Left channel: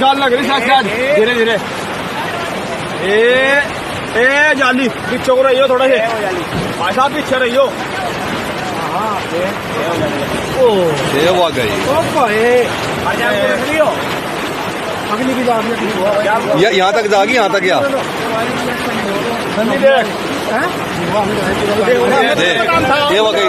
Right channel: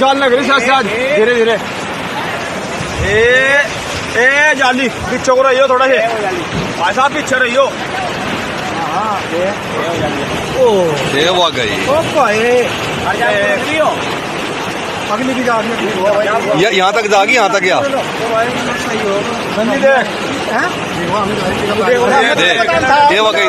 जाल लग रही शायद धीरे धीरे। ए जाली पीछे को रहियो थोड़ा से भाई साहब पीछे रहियो। देव आ गई अगली की जाती यहाँ तक जागी, यहाँ तक गया। देव आ गई।